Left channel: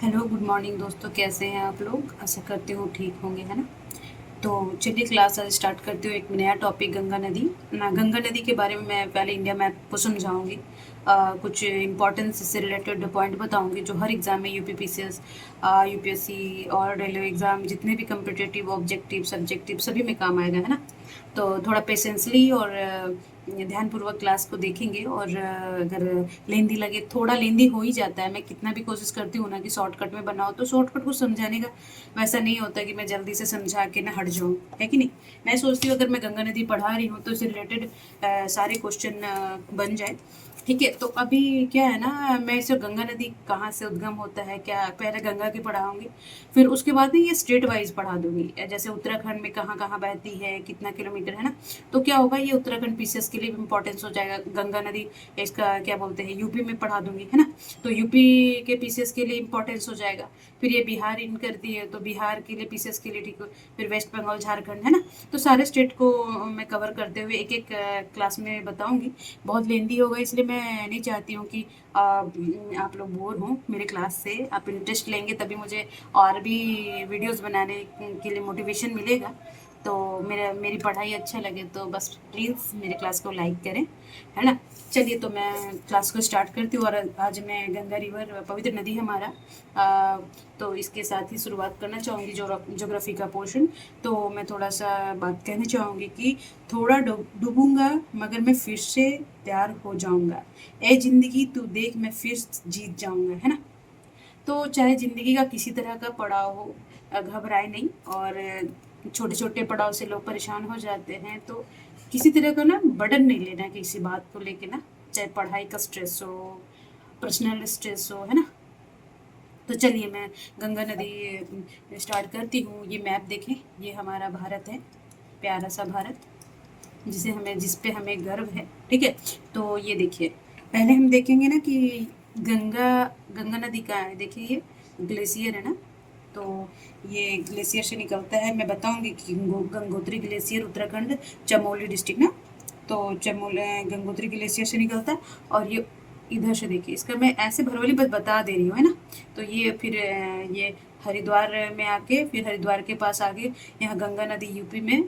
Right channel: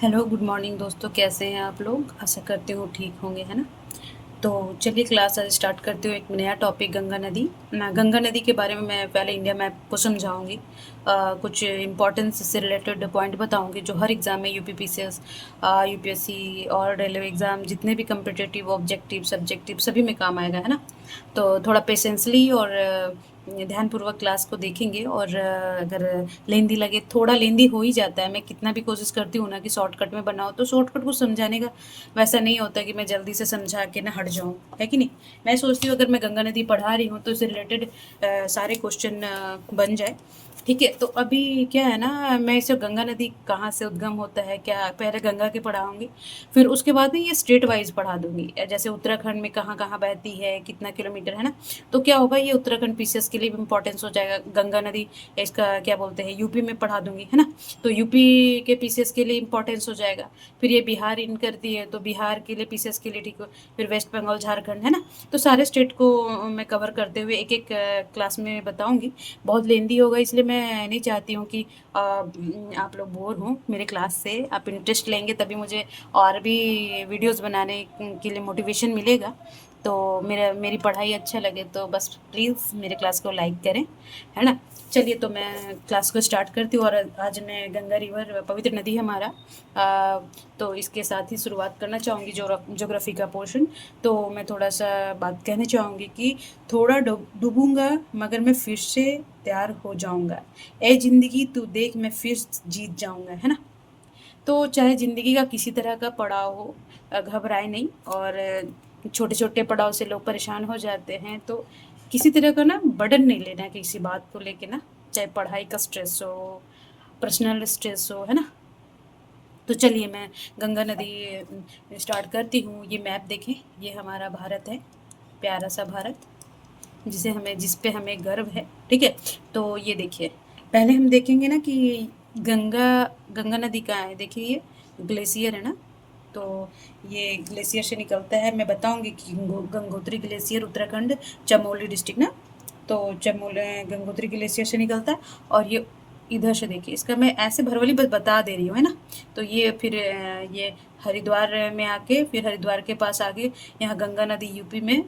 Hello, good morning दोस्तों। कैसे हैं आप लोग? आशा करती हूँ ठीक होंगे, है ना? तो चलिए क्लास आज स्टार्ट करती हूँ। एक नया टॉपिक गंगा नदी। गंगा नदी के बारे में मैं पहले इंडिया मैप को समझाऊंगी। कुछ इम्पोर्टेंस से रिलेटेड पॉइंट बताऊंगी जो हर एग्ज़ाम में यूपीपीसीएस, यूपीएससी और रेलवे एग्ज़ाम जितने भी कम्पिटेटिव ऑब्जेक्टिव सब्जेक्टिव सभी में काम आएगा, है ना? तो थोड़ा पेशेंसली और ध्यानपूर्वक क्लास को देखेंगे। और अगर लेंदी लगे, थोड़ा लेंदी हो ही जाता है। मैं कितना भी कोशिश करती हूँ ना कि शॉर्टकट में बनाओ, तो शॉर्टकट को समझाने का वैसा नहीं होता कि मैं जल्दी से समझा के ना हट जाऊँ, है कि नहीं? मैं सोचती हूँ अगर मैं गंगा नदी पढ़ा रही हूँ तो इससे रिलेटेड सारे क्वेश्चन बन जाए। ठीक है, तो अभी क्या है ना, मैं इसे गंगा नदी कहाँ से उद्गम होता है, क्या पहले गंगा के पढ़ाऊंगी, फिर उसके बाद में ये स्टेट वाइज पढ़ा दूंगी। जैसे उत्तराखंड में कहाँ कहाँ बहती है, कितना किलोमीटर, है ना? तो क्या होगा, ये उत्तराखंड पीसीएस के लिए भी इंपॉर्टेंस हो जाएगा। गंगा नदी इसका क्या बोलते हैं, यूपी में पढ़ा दूंगी, है ना? तो यूपी के पीसीएस के लिए इंपॉर्टेंस हो जाएगा। फिर ये बिहार इन करती है तो बिहार के लिए पीसीएस के लिए, ठीक है। फिर वेस्ट बंगाल, झारखंड, है ना? तो सारे स्टेट को मैं कवर करते हुए एक एक क्लास में बताऊंगी। बहुत लेंदी होगा, इसलिए मैं नहीं चाहती हूँ कि आप लोग बोर हों मेरे क्लास से। आप इंटरेस्ट लेंगे तभी मुझे और भी वीडियोस बनाने के लिए मोटिवेशन मिलेगा। तो मेरी पढ़ाई अच्छा लगे तो बस प्लीज़ मेरे क्लास को लाइक करें, है ना? चलिए, तो मैं क्लास को स्टार्ट करती हूँ। और आज मैं गंगा रिवर, पवित्र नदी है हमारा, तो इसके साथ ही शुरुआत करना चाहूँगी ज्योग्राफी का पोर्शन। तो मैं थोड़ा सा बात कहना चाहूँगी कि थोड़ा डूबूंगा मगर मैं फिर से तैयार हो जाऊँगा। ए ज़िंदगी तू देख, मैं फिर जीत जाऊँगा, है ना? तो चाहे ज़िंदगी का किसी तरह का पड़ाव हो, घबराए नहीं। और छोटे छोटे पड़ाव से लोग परेशान हो जाते हैं, तो किसी तरह का ना बर्डन नहीं लेना किसी बात को लेके ना। चाहे पढ़ाई का स्ट्रेस हो, पर्सनल स्ट्रेस हो, है ना? तो चलिए मैं गंगा नदी स्टार्ट करती हूँ। ये मैप देखें, ये हमारा भारत है, प्यारा सा भारत, जिस पे हमें गर्व है। ठीक है, तो ये देखिए, पहले हम देखेंगे ना कि गंगा गंगा नदी का है। देखिए, ये ग्लेशियर है ना, तो ये ग्लेशियर से निकलता है। मैं बताऊंगी कि गंगोत्री ग्लेशियर उत्तराखंड, चमोली डिस्ट्रिक्ट ना। तो चमोली गंगोत्री ग्लेशियर से निकलता है। और ये इधर से देखिए, इसका मैं ऐसे भरवली बस बता दे रही हूँ, है ना? तो ये फिर ये हरिद्वार में आके, फिर हरिद्वार के पास आगे यहाँ गंगा नदी यूपी में,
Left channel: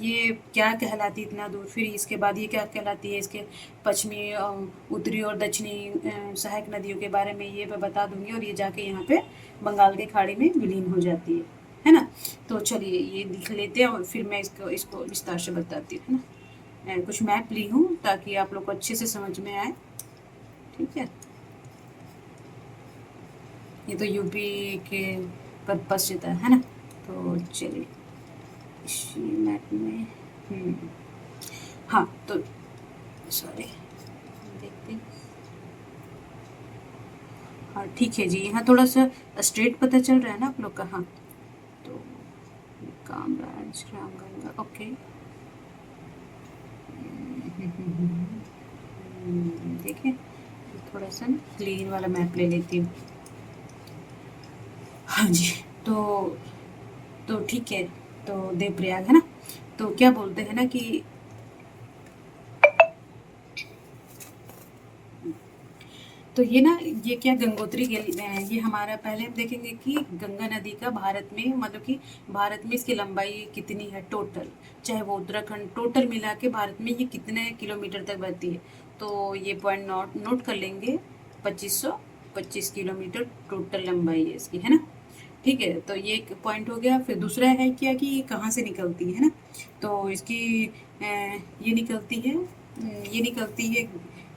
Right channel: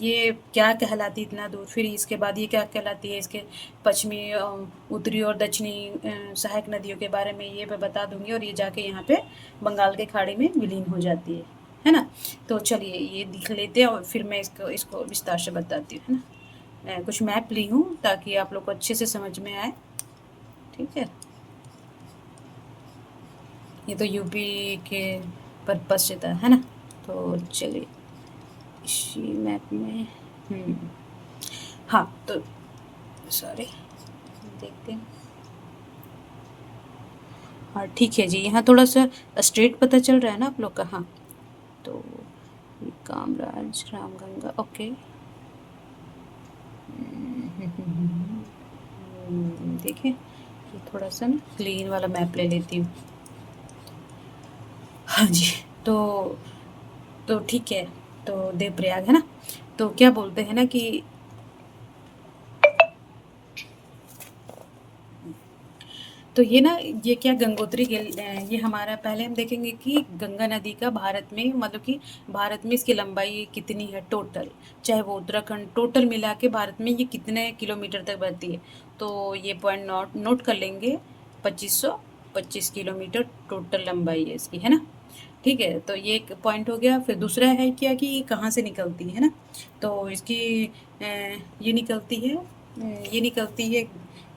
ये क्या कहलाती है इतना दूर, फिर इसके बाद ये क्या कहलाती है, इसके पश्चिमी, उत्तरी और दक्षिणी सहायक नदियों के बारे में ये मैं बता दूंगी। और ये जाके यहाँ पे बंगाल के खाड़ी में विलीन हो जाती है ना? तो चलिए ये लिख लेते हैं और फिर मैं इसको इसको विस्तार से बताती हूँ, है ना? मैं कुछ मैप ली हूँ ताकि आप लोग को अच्छे से समझ में आए। ठीक है, ये तो यूपी के पर्पज से था, है ना? तो चलिए इसी मैप में, हाँ, तो सॉरी, देखते हैं। हाँ ठीक है जी, यहाँ थोड़ा सा स्ट्रेट पता चल रहा है ना आप लोग का? हाँ, तो ये कामराज रामगंगा, ओके। देखिए, थोड़ा सा ना क्लीन वाला मैप ले लेती हूँ। हाँ जी, तो ठीक है, तो देवप्रयाग है ना। तो क्या बोलते हैं ना कि तो ये ना, ये क्या गंगोत्री ये हमारा, पहले हम देखेंगे कि गंगा नदी का भारत में, मतलब कि भारत में इसकी लंबाई कितनी है टोटल, चाहे वो उत्तराखंड, टोटल मिला के भारत में ये कितने किलोमीटर तक बहती है। तो ये पॉइंट नोट नोट कर लेंगे। 2525 किलोमीटर टोटल लंबाई है इसकी, है ना? ठीक है, तो ये एक पॉइंट हो गया। फिर दूसरा है क्या कि ये कहाँ से निकलती है ना। तो इसकी ये निकलती है, ये निकलती है,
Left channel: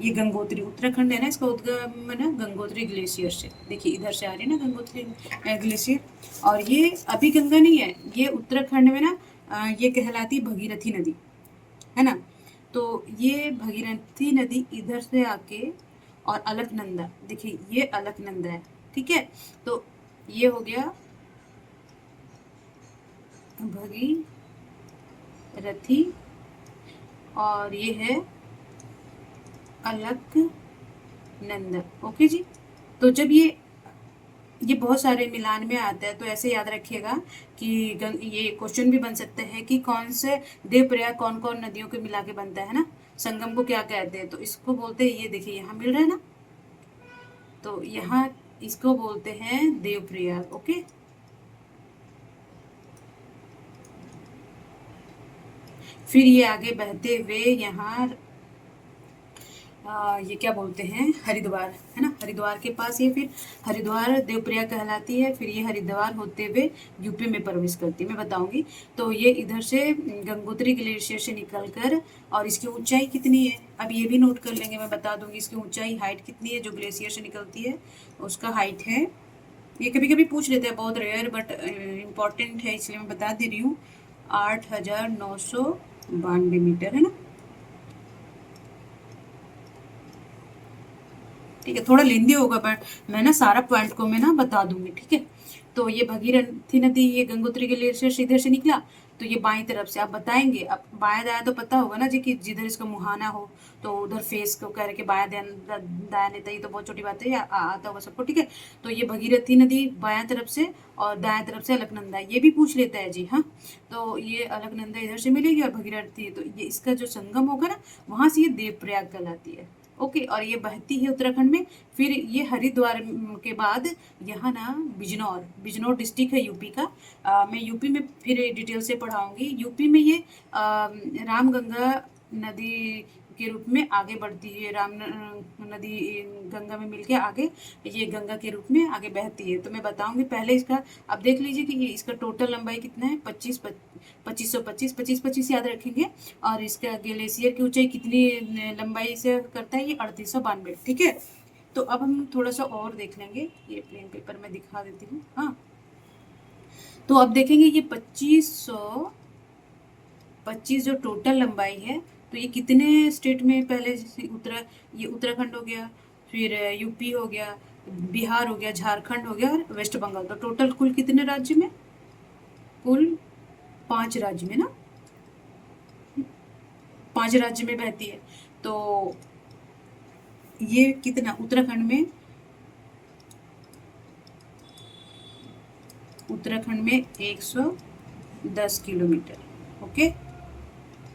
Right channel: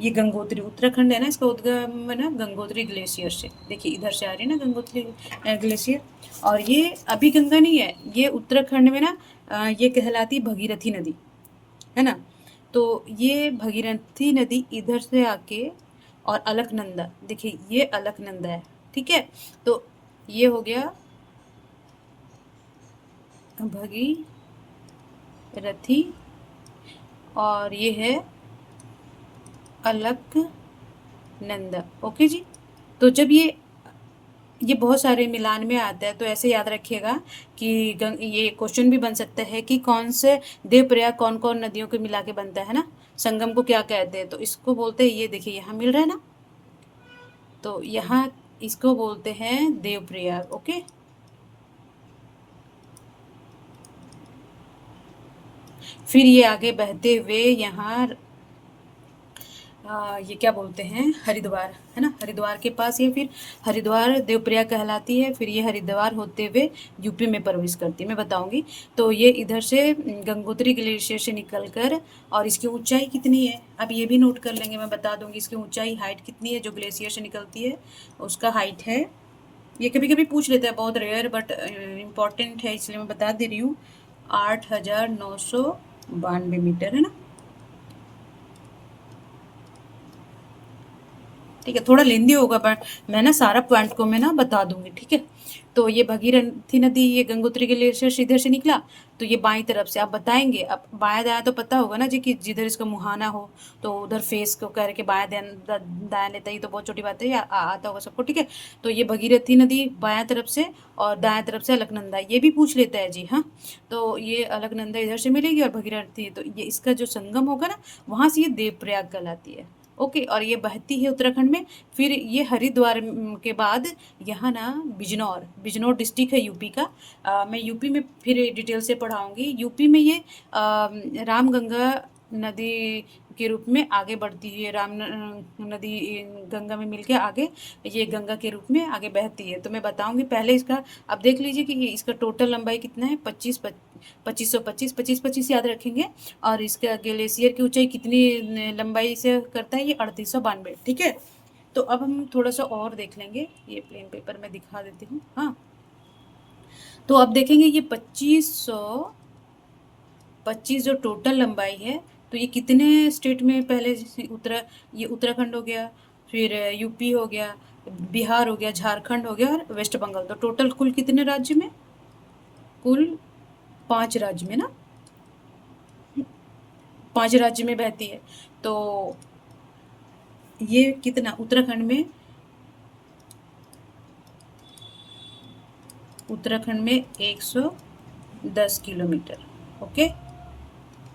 ये गंगोत्री उत्तराखंड है ना, इसका उद्गम है ना गंगोत्री ग्लेशियर से। देखिए इधर से आ रही है ना गंगोत्री ग्लेशियर। और ये अभी गंगा नहीं है, ये उत्तराखंड में ना ये कहलाती भगीरथी नदी, है ना? तो ये भगीरथी नदी इधर से आके, और अलकनंदा, देखिए ये अलकनंदा है। ठीक है, तो ये हो गया भगीरथी, और ये है अलकनंदा। ओके जी। तो जब ये बहुत सारे मिलान में आता है, तो ऐसे याद रखिएगा कि ये क्वेश्चन भी बन सकता है कि कौन से देवप्रयाग कौन कौन नदियों को मिला के बनता है ना, संगम को क्या कहते हैं। तो इसको बोलते हैं, ये देखिए यहाँ मिल रहा है ना, तो यहाँ इसको बोलते हैं देवप्रयाग। ओके, फिर ये आगे बहते हुए यहाँ ये क्या बोलते हैं, हरिद्वार, है ना, हरिद्वार के पास ये, फिर हरिद्वार देवप्रयाग कहलाती है, फिर ये हरिद्वार होते हुए यूपी में प्रवेश करती है। मैं बताऊंगी। तो ये इधर से गंगोत्री ग्लेशियर से निकलकर, और इसकी ऊंचाई कितनी है अब ये भी नोट कर लेंगे, मैं बता दूंगी इसकी ऊंचाई, हाइट कितनी है जो ग्लेशियर से निकलती है, उसका हाइट है, ये कभी कभी पूछ लेते हैं, बहुत रेयर बट इम्पॉर्टेंट है इसलिए मैं बता दे रही हूँ, 8,992 मीटर, है ना। ठीक है, थोड़ा लेंदी होगा बट मैं ना सारा पॉइंट को मैं ना बता दूंगी। ठीक है, तो ये भगीरथी नदी, ये गंगोत्री के लिए से इधर से निकला, तो ये बाईं तरफ से आप बताएंगे, अब बाएं दाएं तो पता होगा ना जी, कि जिधर इसका मुहाना हो तो उधर फेस को कह के बाएं दाएं लेता, ही तो बहुत छोटी बात है, आता होगा सबको। ठीक है, तो ये भगीरथी नदी बाएं तरफ से, और दाएं तरफ से अलकनंदा, ये भी पूछ लेता है जी। हाँ, तो ये अलकनंदा इधर से मिलेगी और भगीरथी, तो ये इसका जो संगम होगा ना, वहां से ये देवप्रयाग कहलाती है। ओके, और ये बहती है उत्तराखंड में, फिर ये हरिद्वार के बाद यहाँ ना बिजनौर, बिजनौर डिस्ट्रिक्ट है यूपी का। मैं यूपी में फिर डिटेल से पढ़ाऊंगी। यूपी में ये रामगंगा नदी के रूप में आगे बढ़ती है, नदी गंगा में मिलके आगे ये गंगा के रूप में आगे बहती है। तो मैं बताऊंगी पहले इसका, अब देख लीजिए कि ये इसका टोटल लंबाई कितना है, 25 याद रखेंगे, और इसका ग्लेशियर की ऊंचाई कितनी लंबाई से करता है, ये 3892। ठीक है, तो अब हम थोड़ा सा और देख लेंगे, ये प्लेन पेपर में दिखा देती हूँ। हाँ, तो अब देखेंगे ये 25 जो टोटल लंबाई है, तो ये कितने स्टेट में पहले, ये उत्तराखंड हो गया, फिर यूपी हो गया, बिहार हो गया, झारखंड हो गया, और वेस्ट बंगाल, तो टोटल कुल कितने राज्य में, कुल 5 राज्य में ना, 5 राज्य में बहती है। तो ये कितना उत्तराखंड में 110 किलोमीटर। ओके,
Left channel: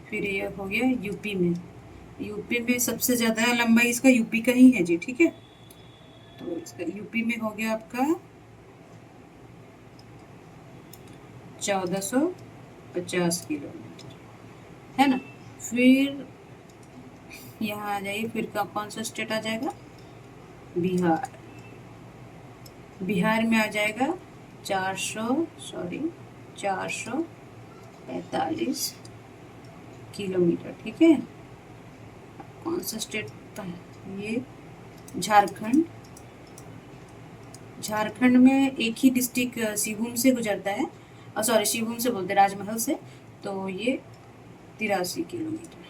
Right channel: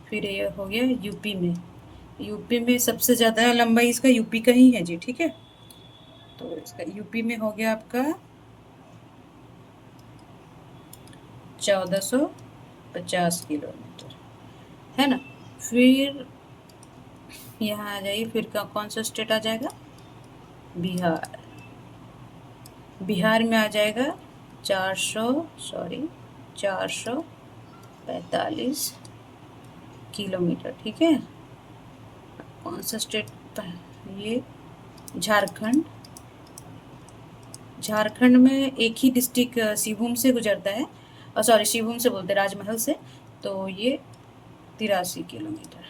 फिर ये हो गया यूपी में, यूपी में सबसे ज़्यादा लंबाई इसका यूपी का ही है जी। ठीक है, तो इसका यूपी में हो गया आपका 1450 किलोमीटर, है ना। फिर यहाँ आ जाइए, फिर का कौन सा स्टेट आ जाएगा, बिहार, बिहार में आ जाएगा 445 किलोमीटर। ठीक है, कौन सा स्टेट, ये झारखंड, झारखंड में एक ही डिस्ट्रिक्ट शिवभूम से गुजरता है, सॉरी शिवभूम से बोलते हैं, राजमहल से, तो ये 83 किलोमीटर।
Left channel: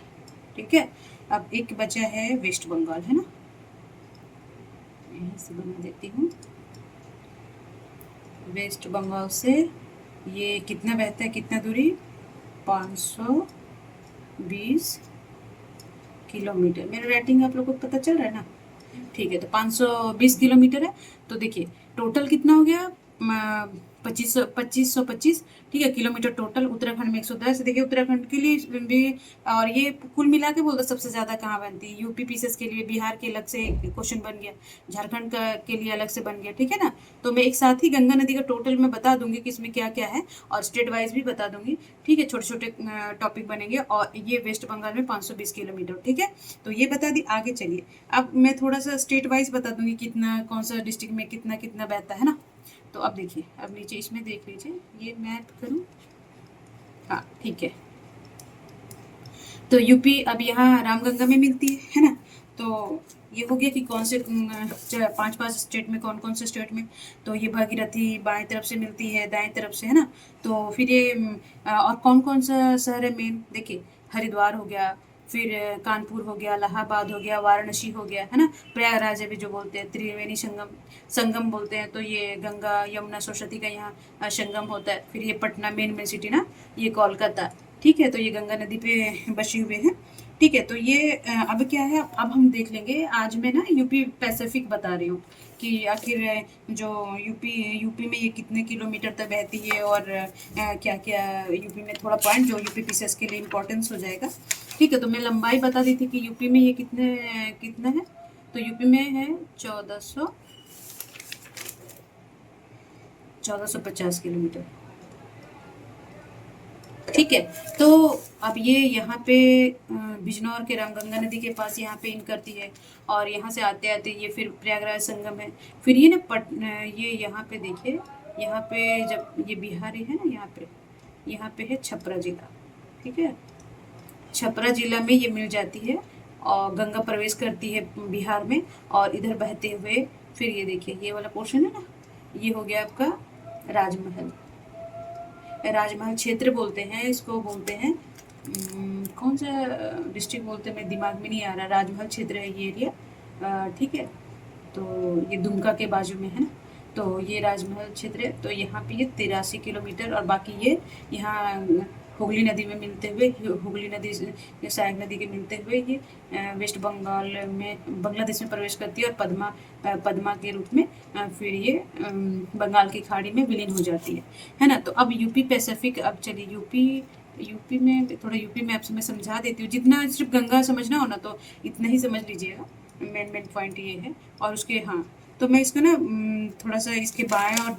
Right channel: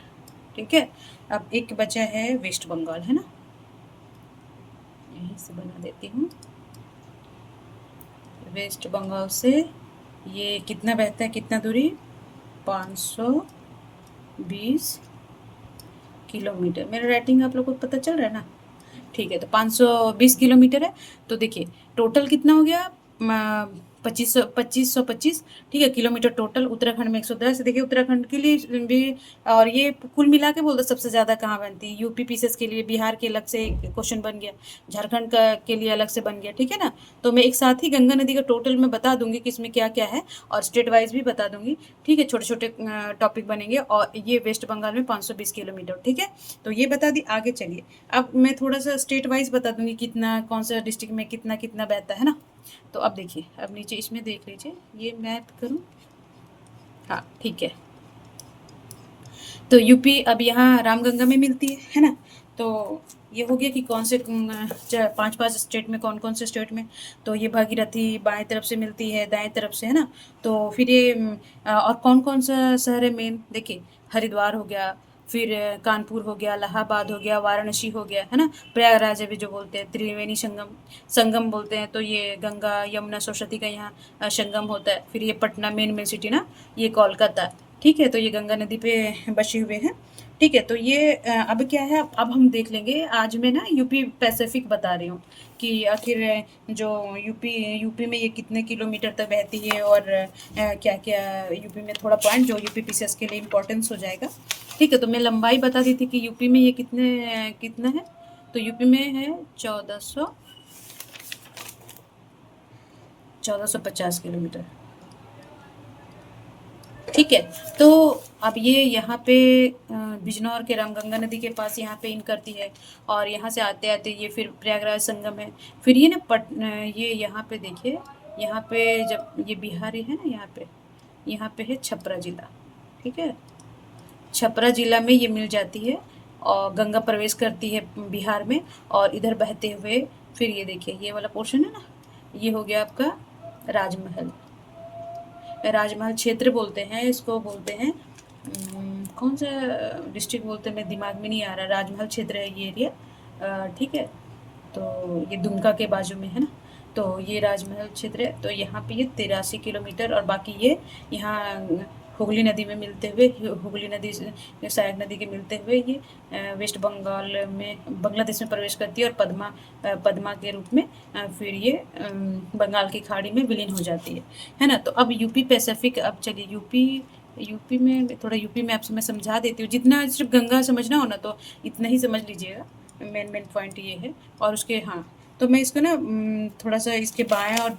ठीक है, अब एक बचा है वेस्ट बंगाल, है ना, यहीं से बना देती हूँ, वेस्ट बंगाल से ये कितना बहता है, कितना दूरी, 520 किलोमीटर। मेरा रेटिंग आप लोगों को पता चल रहा है ना। ठीक है, तो 520 किलोमीटर है। तो देखिए टोटल कितना हो गया, 2525। ठीक है, किलोमीटर टोटल। उत्तराखंड में 110। देखिए उत्तराखंड के लिए भी, और ये कुल मिला के बोलते सबसे ज़्यादा कहाँ बनती है, यूपी पीसेस के लिए बिहार के अलग से क्वेश्चन बन गया, झारखंड का के लिए अलग से बन गया। ठीक है ना, तो मैं एक साथ ही गंगा नदी का टोटल में बता दूंगी कि इसमें क्या क्या है, और स्टेट वाइज भी बता दूंगी। ठीक है, छोटे छोटे टॉपिक बनेंगे, और ये वेस्ट बंगाल में 520 किलोमीटर। ठीक है, तो ये बता दी। आगे चलिए, अब मैं थोड़ा सा स्टेट वाइज बता दूंगी कितना, कौन सा डिस्ट्रिक्ट में कितना कितना बहता है ना। तो अब देखिए, अब नीचे इसमें देख लीजिए, ये मैप करूँ, हाँ ठीक है। तो यूपी अब यहाँ रामगंगा में मिलती है ना। तो ये हो गया कि कौन से 5 स्टेट में, कौन कौन से स्टेट में। तो ये भागीरथी बाएं तरफ से मिलती है, दाएं तरफ से, है ना। तो फिर ये और कौन कौन सा शहर है मेन, देखिए हरिद्वार हो गया, फिर कानपुर हो गया, इलाहाबाद हो गया, वाराणसी हो गया, है ना। प्रयागराज अभी जो बोलते हैं, त्रिवेणी संगम, संगम बोलते हैं, तो ये गंगा यमुना सरस्वती का यहाँ संगम होता है। फिर ये पटना मेन सिटी ना, ये कोलकाता। ठीक है, तो ये गंगा नदी पे बसे हुए हैं। ठीक है, तो ये अब क्या है, अब हम देख लेंगे। आज मैं ना यूपी पैसिफिक बता रही हूँ कि आखिर जो यूपी में ये कितने किलोमीटर तक बहती है, और क्या क्या यूपी में, थोड़ा पॉइंट जो यूपी पीसेस के लिए इम्पोर्टेंस हो जाएगा। ठीक है, तो मैं लंबाई बता दी थी कि यूपी में ये कितना है। तो यूपी में है 1400 1450 किलोमीटर। ठीक है। तो अब ये यहाँ पे बिजनौर के रामगंगा नदी के पास यहाँ पे इन करती है, और यहाँ से आते आते ये फिर प्रयागराज संगम है। फिर ये ना ये यहाँ पे देखिए, यहाँ पे जब ये बिहारी है ना, यहाँ पे है छपरा जिला। ठीक है, छपरा जिला में ये मिल जाती है और गंगा प्रवेश करती है बिहार में, और इधर बहते हुए फिर ये देखिए ये वाला पोर्शन है ना, ये हो गया आपका राजमहल। राजमहल क्षेत्र बोलते हैं इसको, बोलते हैं कौन सा डिस्ट्रिक्ट बोलते हैं, मेरे दिमाग में नहीं आ रहा। राजमहल क्षेत्र है ये एरिया। ठीक है, तो ये दुमका के बाजू में है ना, तो ये राजमहल क्षेत्र है। तो यहाँ पे ये 83 किलोमीटर, और बाकी ये यहाँ हुगली नदी में मिलते हुए, हुगली नदी से सहायक नदी के मिलते हुए ये वेस्ट बंगाल में, बांग्लादेश में प्रवेश करती है, और पद्मा के रूप में फिर ये बंगाल की खाड़ी में विलीन हो जाती है ना। तो अब यूपी पैसिफिक, अब चलिए यूपी में थोड़ा, यूपी में आपसे मैं समझा देती हूँ। जितना सिर्फ गंगा समझना हो ना तो इतना ही समझ लीजिएगा, मेन पॉइंट ये है। और उसके हाँ, तो मैं इसको ना थोड़ा सा इसके बाएं और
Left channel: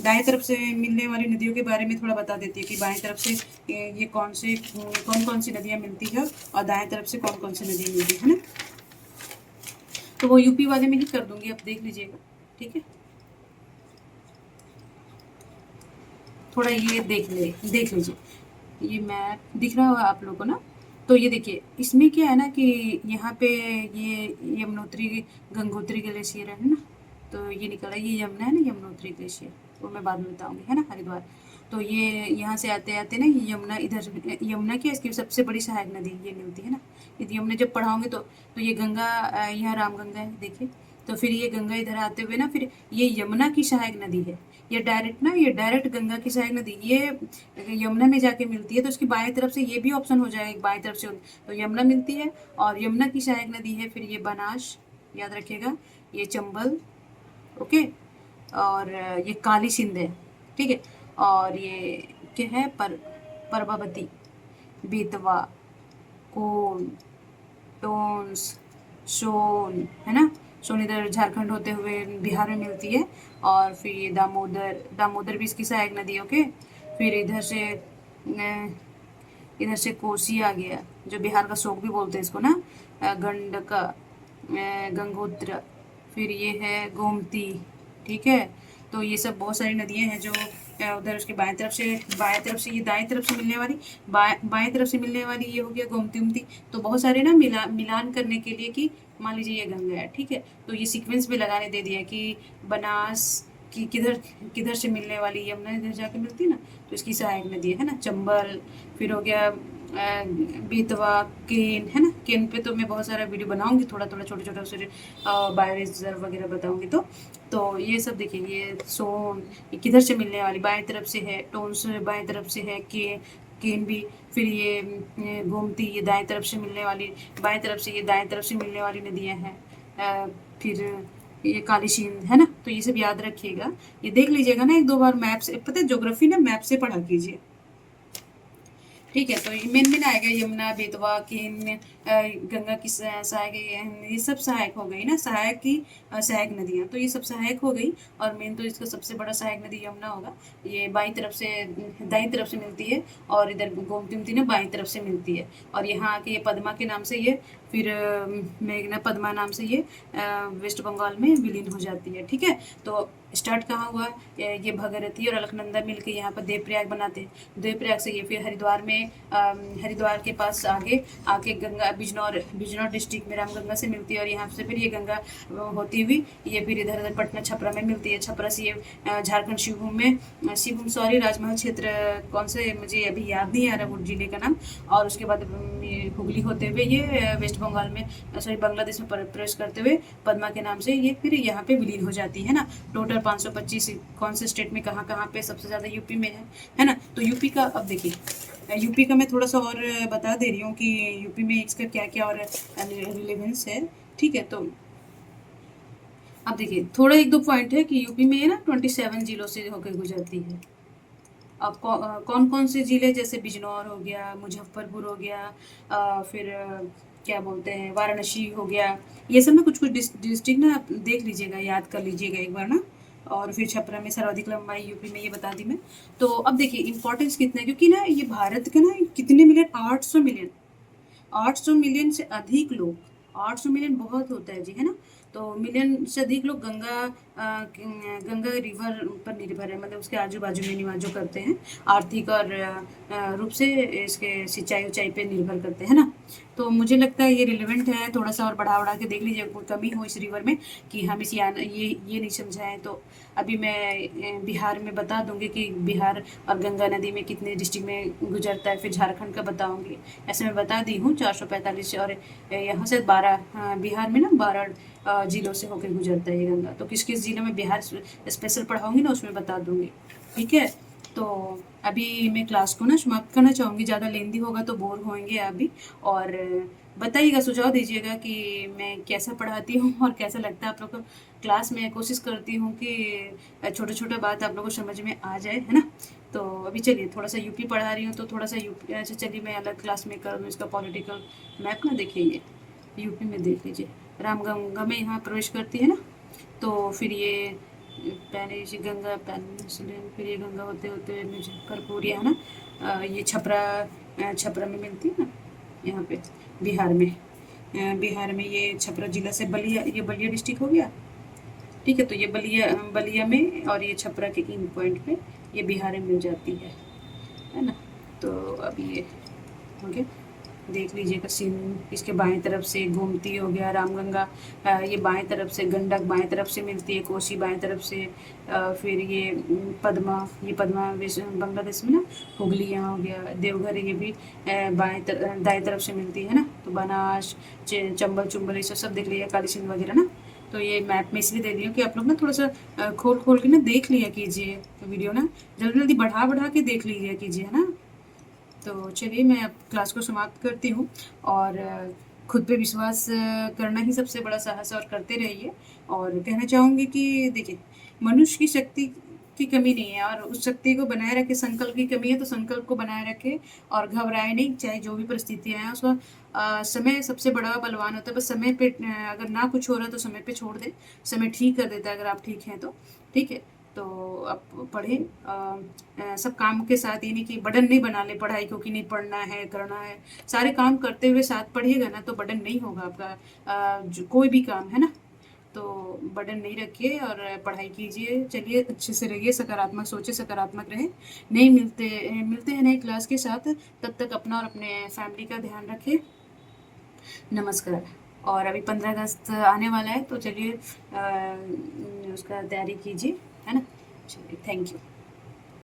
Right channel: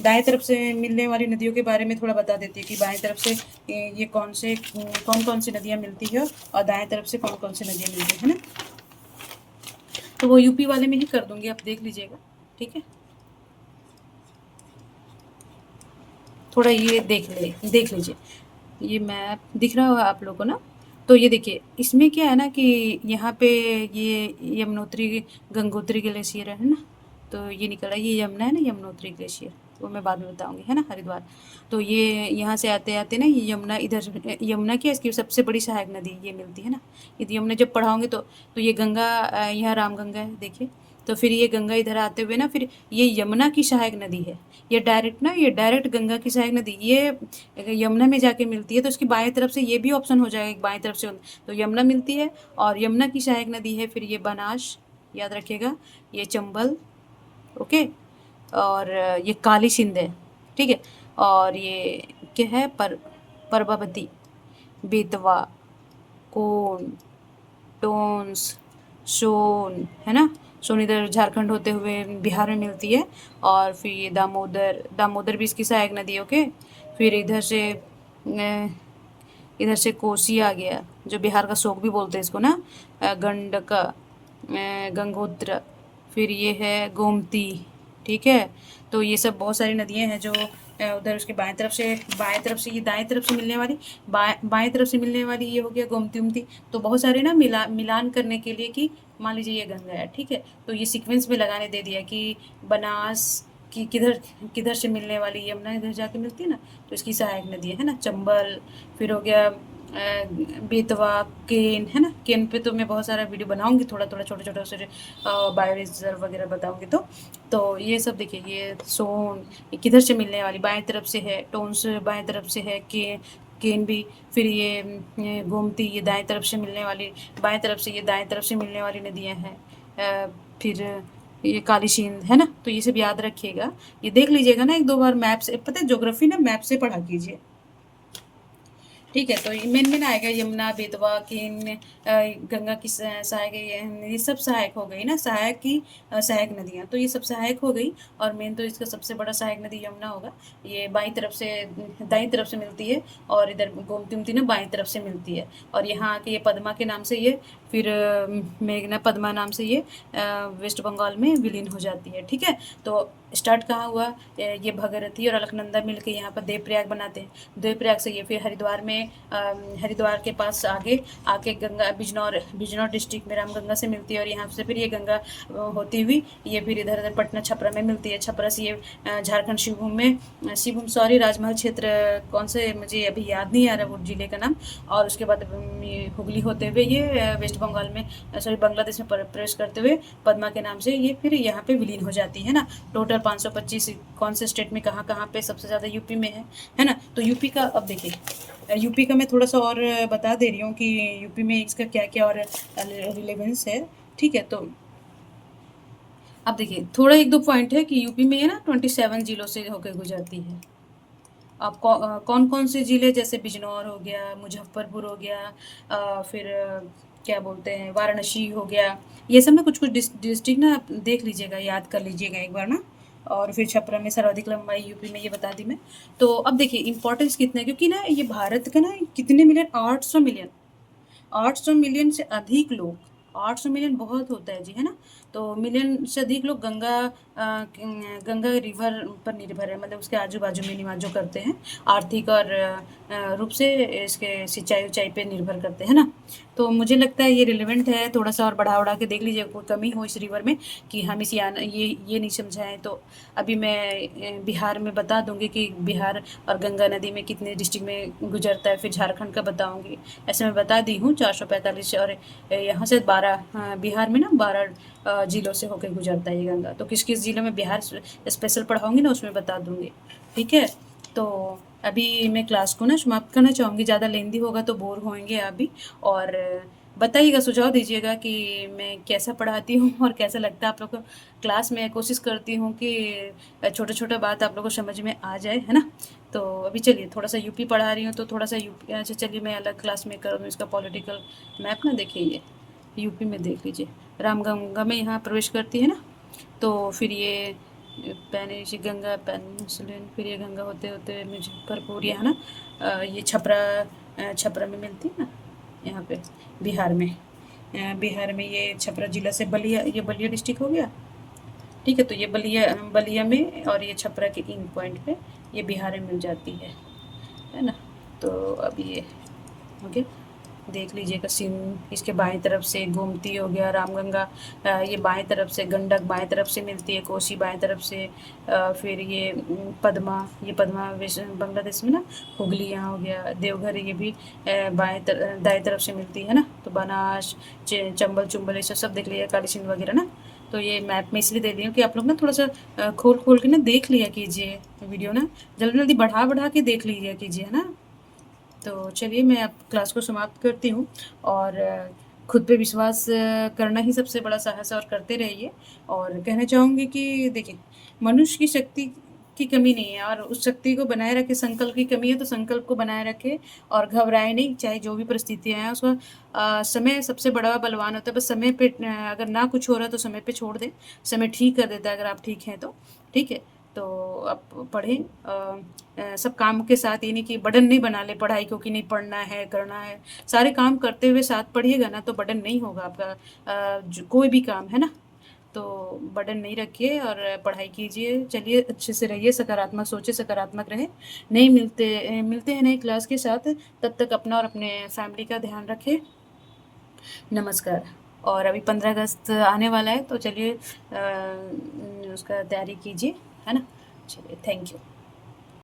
दाएं तरफ से मिलने वाली नदियों के बारे में थोड़ा बता देती हूँ कि बाएं तरफ से ये कौन कौन सी नदियाँ मिलती है, और दाएं तरफ से कौन कौन सी नदियाँ मिलती है ना। तो वो यूपी वाले में ही कर दूंगी, आप देख लीजिएगा। ठीक है, थोड़ा ये देख लीजिए, ये मैप दिख रहा होगा आप लोगों को ना। तो ये देखिए, इसमें क्या है ना कि यहाँ पे ये यमुनोत्री गंगोत्री ग्लेशियर है ना, तो ये निकल रहा है, ये यमुना है ना, यमुनोत्री ग्लेशियर, वो मैं बाद में बताऊंगी, है ना, हरिद्वार। तो ये यहाँ से आते आते ना ये यमुना, इधर यमुना क्या, इसकी सबसे बड़ी सहायक नदी ये मिलती है ना। यदि यमुना जब पढ़ाऊंगे तो ये गंगा, यहाँ रामगंगा है देखिए। तो फिर ये गंगा इधर आते हुए ना, फिर ये यमुना की सहायक नदी है। ये डायरेक्ट गंगा की सहायक नदी ये यमुना में जाके मिलती है। तो इसकी बाएं तरफ से ये भी ऑप्शन हो जाएगा, बाएं तरफ से तो यमुना मिलती है, और यमुना की सहायक नदी है फिर ये बनास, याद रखिएगा, ये चंबल, ओके, और ये काली सिंध है। ठीक है, और ये क्या है, परबावती, बेतवा, कोन, टोंस, सोन, है ना। सोन इधर झारखंड होते हुए बिहार में मिलती है, और फिर ये दामोदर भी इसकी सहायक नदी है, ओके। फिर इधर से कोसी आ गया, जो बिहार का शोक भी बोलते हैं इसको ना, गंडका, गंगोत्र, फिर ये है गोमती। ठीक है, तो ये सब बहुत सारी नदियां हैं जो उधर उसके बाएं तरफ से ये दाएं तरफ से मिलने वाली, बाएं तरफ से मिलने वाली ये हो गया गोमती उमती। तो बहुत सारे ना मिलान करने के लिए कि मान लीजिए ये गंगा है, ठीक है, तो ये सीक्वेंस में लगाने दे दिया कि बनास की किधर से मिलने वाली, यमुना इधर जाके मिलती है ना, तो इसकी सहायक नदी है ना, चंबल। फिर हो गया बेतवा, केन, है ना। केन पे तो मैं बहुत सारा वीडियो बनाऊंगी, थोड़ा छोटे छोटे उसे बायो रिजर्व वगैरह बताऊंगी। तो ये सब देखिए, ये सोन ये किधर से मिलने वाली, बाएं तरफ से है, टोन्स बाएं तरफ से है, केन भी। फिर ये गोमती, ये दाएं तरफ से मिलने वाली, बाएं तरफ से ये दाएं तरफ से मिलने वाली नदियां हैं। फिर ये काली सिंध है ना। तो ये सब याद रखिएगा, ये देख लीजिएगा ना एक दो बार मैप से, पता है ज्योग्राफी ना मैप से पढ़ा कीजिए। ठीक है, तो मेन आएगा यमुना, बेतवा, केन, गंगा की सहायक, ये सब सहायक हो गई ना, सहायक नदियाँ, तो ये सब सहायक हो गई। और मेन तो इसका सबसे बड़ा सहायक नदी यमुना होगा, ये दाई तरफ से मिलती है, और इधर गोमती उमती ना बाईं तरफ से मिलती है। और यहाँ आके ये पद्मा के नाम से ये, फिर मेघना पद्मा नाम से ये वेस्ट बंगाल में विलीन हो जाती है। ठीक है, तो स्टार्ट कहाँ हुआ, ये भगीरथी और अलकनंदा मिलकर यहाँ पर देवप्रयाग बनाते हैं। देवप्रयाग से ये फिर हरिद्वार के पास आके गंगा बिजनौर डिस्ट्रिक्ट में रामगंगा से मिलती है, और यहाँ से फिर ये गंगा होती हुई ये फिर इधर पटना छपरा में मिलती है। छपरा से ये झारखंड शिवभूम सॉरी राजमहल क्षेत्र, कौन से मुझे अभी याद नहीं आ रहा वो जिले का नाम। और उसके बाद हुगली होते हुए ये वेस्ट बंगाल में, सॉरी बांग्लादेश में प्रवेश करते हुए पद्मा के नाम से ये फिर यहाँ पे विलीन हो जाती है ना। टोटल 525 कौन से स्टेट में कहाँ पे, सबसे ज़्यादा यूपी में है ना। तो यूपी का अब देखिए, यूपी का मैं थोड़ा सा और बता दे रही हूँ कि यूपी में इसका क्या क्या और रिलेवेंस है। ठीक है, तो अब देखिए थोड़ा एक दो पॉइंट है कि यूपी में ना 27 जिलों से होकर गुजरती है। अब कौन कौन से जिले, जैसे बिजनौर हो गया, मुजफ्फरपुर हो गया, फिर क्या बोलते हैं वाराणसी हो गया, ये सब ना कुछ डिस्ट्रिक्ट ना आप देख लीजिएगा, याद कर लीजिएगा एक बार ना। और फिर छपरा में सर्वाधिक लंबाई यूपी में, ये बता दी मैं। तो अब देखिए इम्पोर्टेंस कितना है, क्योंकि ना ये भारत का ना कितने मिलियन, 800 मिलियन, 800 मिलियन से अधिक लोग, 800 मिलियन बहुत होता है जी, है ना? तो मिलियन से अधिक लोग गंगा रिवर पर निर्भर है, मतलब उसके आजू-बाजू में निवास जो करते हैं, आर्थिक और रूप से इसके सिंचाई उचाई पे निर्भर करते हैं ना? तो मुझे लगता है ये रिलेवेंट है, थोड़ा-सा और बढ़ा-वढ़ा के देख लीजिए, कोई कमी हो इस रिवर में कि हम इसे ये नहीं समझा है, तो अभी मैं बिहार में बता दूँगी कि बिहार और गंगा नदी में कितने डिस्ट्रिक्ट में गुजरता है, फिर झारखंड का बताऊँगी। ऐसे मैं बता दी हूँ 445, और यहाँ से 12 बिहार में ना 12 ज़िलों से होकर गुजरता है ये गंगा। तो किस-किस ज़िले में बिहार स्पेशल पढ़ाऊँगी ना, उसमें बता दूँगी। ठीक है? तो अभी मैं क्लास को ना समाप्त करना चाहूँगी, ज़्यादा लेंदी होगा तो बोर होएँगे आप भी। और बताइएगा, सुझाव दीजिएगा कि मैं कैसा पढ़ाती हूँ और कैसा लगता है आप लोग को क्लास में। कोशिश करती हूँ कि छोटा-छोटा बात आप लोग को समझ में आ जाए, है ना? तो अभी चलिए थोड़ा-सा यूपी पढ़ा रही हूँ, तो थोड़ा-सा यूपी, अच्छा चलिए मैं अलग क्लास में करूँ इसका पॉलिटिकल मैप ना, देखिए ये यूपी में देख लीजिए, रामगंगा में यहाँ प्रवेश करती है ना, तो फिर ये पैनेश गंगा पेनिनसुलिन, फिर ये गंगा होते होते मुजफ्फरपुर, ये है ना, ये छपरा, छपरा में मिलती है ना, यहाँ पे बिहार में, बिहार में ये छपरा जिला से बलिया, ये बलिया डिस्ट्रिक्ट हो गया। ठीक है, तो ये बलिया, बलिया में, और ये छपरा के इन पॉइंट पे ये बिहार में मिल जाती है ना? तो अब ये हो गया, देख लीजिएगा सीन। इसके बाएं तरफ से गोमती हो गया, रामगंगा, ये बाएं तरफ से, गंडक बाएं तरफ से मिलती है, कोसी बाएं तरफ से, फिर ये पद्मा, ये पद्मा बांग्लादेश में ना, हुगली यहाँ हो गया, देवघर ये भी दाएं तरफ से मिलती है ना, तो बनास, चंबल चुंबल ये सब देख लिया, काली सिंध वगैरह ना। तो ये मैप में इसलिए दे दी हूँ कि आप लोग ना थोड़ा सा खोल खोल के ना देख लिया कीजिए वीडियो ना, जल्दी जल्दी बढ़ा बढ़ा के देख लीजिए कीजिए, है ना? तो चलिए मैं अब क्लास को समाप्त करती हूँ, और खुद पे विश्वास करना ही सबसे बड़ा साहस है, और करते रहिए। और कहना चाहूँगी कि देखिए, मनुष्य की शक्ति की कमी नहीं है, और उस शक्ति को बनाए रखे, संकल्प की कमी है तो संकल्प को बनाए रखे, और घबराए नहीं, चाहे जो भी परिस्थितियाँ हैं उसका। समय सबसे बड़ा बलवान होता है, बस समय पे अगर ना कुछ हो रहा है तो समय पे छोड़ दें, समय ठीक कर देता है अगर आप ठीक हैं तो। ठीक है? तो आप पढ़ें, सब काम के साथ, ये नहीं कि बर्डन नहीं बना ले पढ़ाई को कि नहीं पढ़ना है, करना है। सारे काम करते हुए साथ पढ़िएगा ना तो बर्डन नहीं होगा आपका, कोई भी काम, है ना? तो बर्डन नहीं रखिए और पढ़ाई कीजिए। चलिए अच्छे से रहिए, सकारात्मक सोचिए, सकारात्मक रहें। नहीं मिलते हैं नई क्लास के साथ, तब तक अपना और अपने फैमिली का ध्यान रखें। नमस्कार। और अभी 15 अगस्त आने वाला है, तो चलिए उसका तैयारी कीजिए, है ना? चलिए, थैंक यू।